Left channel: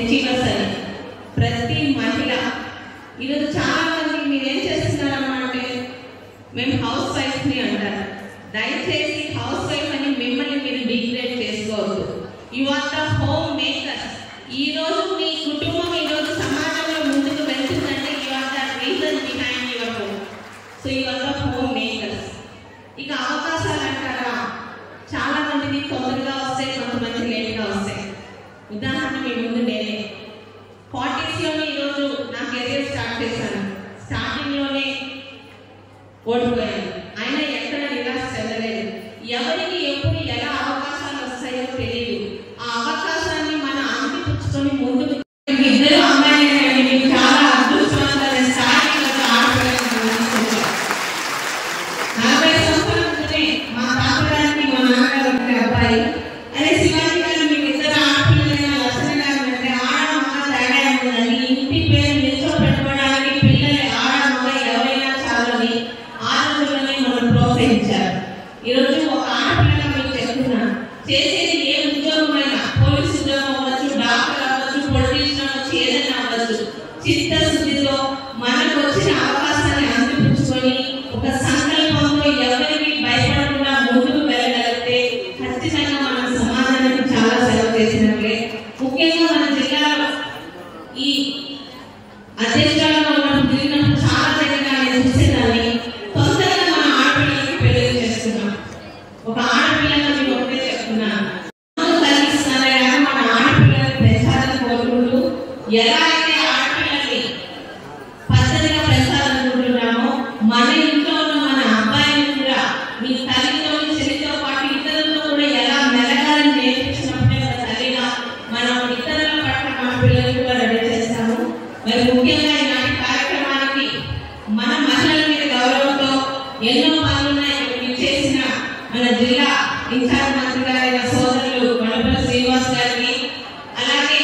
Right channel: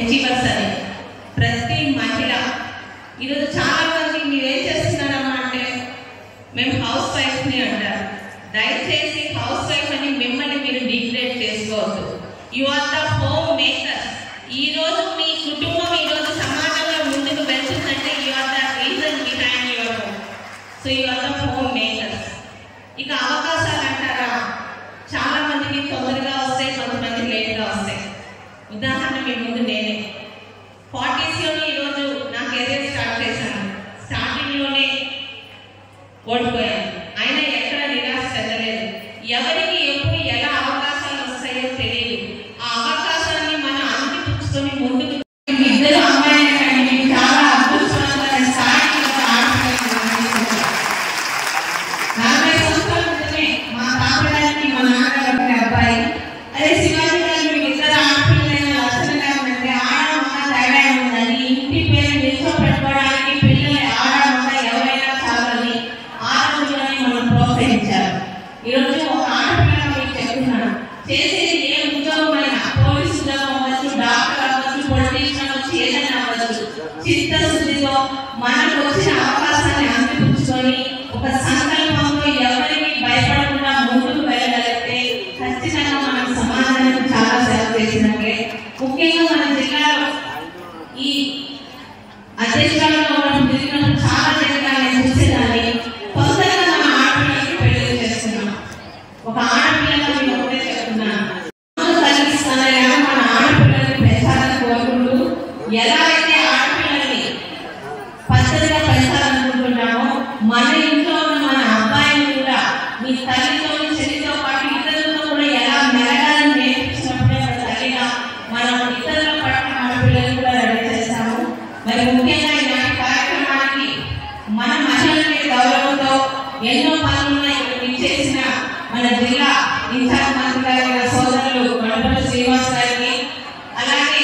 Achievers అని. ప్రతి మహిళ ఈరోజు చాలా మంది మీరేం చేస్తున్నారమ్మా అంటే మేము హౌస్ వైఫ్ని అంటారు. దయచేసి హౌస్ వైఫ్ అని మిమ్మల్ని మీరు డిగ్రేడ్ చేసుకోవద్దు. You are the home makers. ఈరోజు మీ కుటుంబం ఈరోజు సమాజంలో ముందుకు వెళ్తుందంటే you are the reason behind your home. So you are the home makers. ఇక అవకాశాలు అంటారా, చాలా మందికి తొందరగా వస్తాయి, కొంతమందికి లేట్గా వస్తాయి. ఉదాహరణ మీ ముందు నేనే 40sలోని ఈరోజు నా కెరీర్ స్టార్ట్ చేశాను. స్టార్టింగ్లోనే ఓడిపోయాను, అయినా ఎక్కడ నిరాశ చెందలేదు. ఎవరికి ఎప్పుడు ఎలా అవకాశాలు వస్తాయో తెలియదు. ఆ అవకాశాన్ని మనం అందిపుచ్చుకొని ముందుకు ఇద్దరు అమ్మాయిలు చాలా అద్భుతమైన స్థాయికి 40 సంవత్సరాల ముందే మా తాతగారికి మా నాన్నగారు అబ్బాయి, అదే శివాజీ గారు మీకు ఇద్దరు ఆడపిల్లలైన లక్షణ గారు అంటే ఆడమ్మ తేడా ఉందని ఇంటి పేరు నిల్చో పెట్టుకోవడానికి పిల్లలు ఆడమ్మ ఎవరైనా చాలని ఆడపిల్లని మనం ప్రోత్సహించారు. ఈరోజు ఒక ఆడపిల్లగా మీకు చెప్తున్నా, చేసేది ఏ ఉద్యోగం అయినా, పోలీసు ఉద్యోగం అవ్వచ్చు, డాక్టర్ అవ్వచ్చు, పొలిటీషియన్ అవ్వచ్చు, ఏదైనా అవ్వచ్చు, చిత్తశుద్ధితో మనకు వచ్చిన అవకాశాన్ని అందిపుచ్చుకొని ఒక సంకల్పంతో ఎవరికి భయపడకుండా ముందుకు వెళ్ళగలిగితే ఖచ్చితంగా మనం సమాజానికి చాలా సేవ చేసినట్లే. ముఖ్యంగా మన జిల్లాలో ఈ అధ్యక్షురాలుగా మనం తిరిగినప్పుడు చాలా విధంగా నేను చూసేదాన్ని. తొందరగా మన ఆడపిల్లలకి పెళ్లి చేస్తున్నాం. ఒక ఆడపిల్లగా మీకు ఒకటే చెప్తున్నాను, కలిగిస్తానని మన ఆడపిల్లలకి పెంచాలని కోరుకుంటూ ఎలా అయితే ఆడపిల్లల్ని పద్ధతిగా పెంచాలనుకుంటున్నామో మన ఇంట్లో ఉన్న మన అబ్బాయిని కూడా మీ తల్లితో చెల్లితో పాటు ఇతరులతో కూడా ఎలా మెలగాలని నేర్పించినప్పుడే మన తల్లిగా మనం ఇతరుల పట్ల మన పిల్లలు కూడా రెడీ చేస్తాము. మరి ముఖ్యంగా ఇలాంటి కార్యక్రమానికి మన మహిళల మీద గౌరవంతో ఎన్నో పనులున్నాయి. ఇక్కడ చేసిన మన జిల్లా ఇన్ఛార్జ్ మంత్రి గారి సోదరులు కొండపల్లి శ్రీనివాస్ గారికి, అలాగే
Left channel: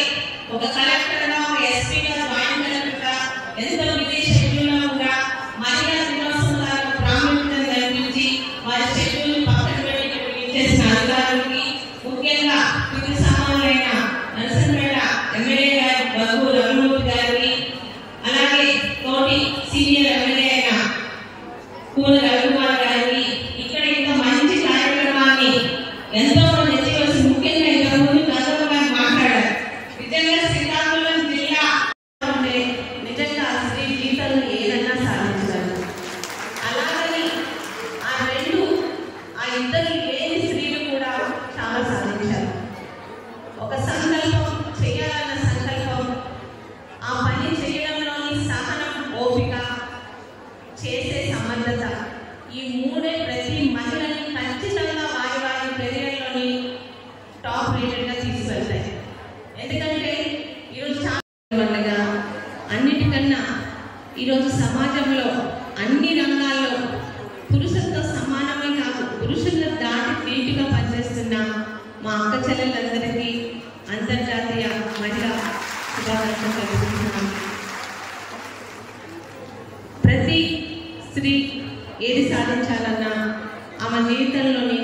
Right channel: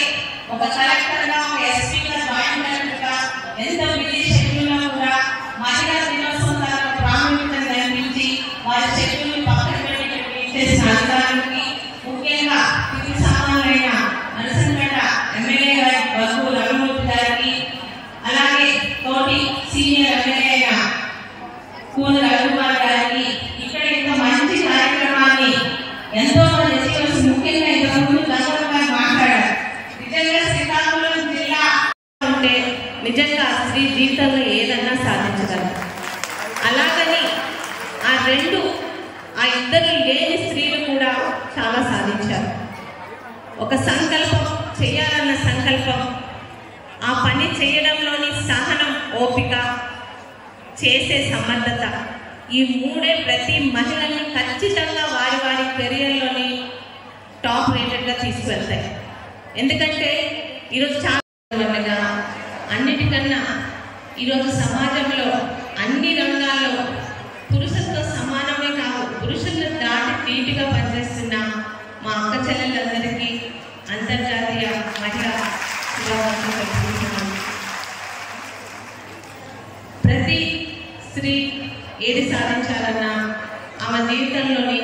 ఒక కలెక్టర్గా ఒక ఎస్పీగా జాయింట్ కలెక్టర్గా ఎంతో బిజీ షెడ్యూల్లో కూడా మహిళా దినోత్సవం ప్రాముఖ్యత కల్పించి వారి షెడ్యూల్ని పక్కన పెట్టి చేసిన అధికారులకి, ముఖ్యంగా కింది సమానులైన నరసంపేట ఎమ్మెల్యే గారి బగ్గు రఘుమూర్తి గారికి, అలాగే తోటి సీనియర్ ఎమ్మెల్యే అయిన కూన రఘుకుమార్ గారికి, ఇక్కడ ఇంత మంచి కార్యక్రమాన్ని ఎంతో మంది ఎత్తివలసి, ముఖ్యంగా ఇంతకుముందు గంగమ్మ గారు మాట్లాడారు. నిజంగా శ్రీకాకుళం జిల్లా ఉంటే నిజంగా స్త్రీ జీవితంలో ఏదన్నా సాధించగలరు. అలాగని ఆ ఇద్దరు లేని స్త్రీలు కూడా చాలా సాధించారు. ఒక సంకల్పం చేయాలన్న సంకల్పం, ఆ పని చేయడంలోని సహనం, ఓపిక, చేసే సమర్థత, ఈ మూడే ప్రతి మహిళని ఖచ్చితంగా వారి వారి కెరీర్లోని టాప్ రేటెడ్గా తీసుకెళ్తాయి. ఎందుకంటే ఈరోజు చాలా వల్లగా అన్నిటికన్నా ఈరోజు సమాజంలో అన్ని రంగాల్లో పురుషులతో సమానమే కాదు, పురుషులను దాటి నీటిగా పనిచేస్తున్న మా అక్క చెల్లెలందరికీ అంతర్జాతీయ మహిళా శుభాకాంక్షలు తెలుపుతున్నాను. ప్రతి స్త్రీ ఏది సాధించాలన్నా ఆమె జీవితంలోని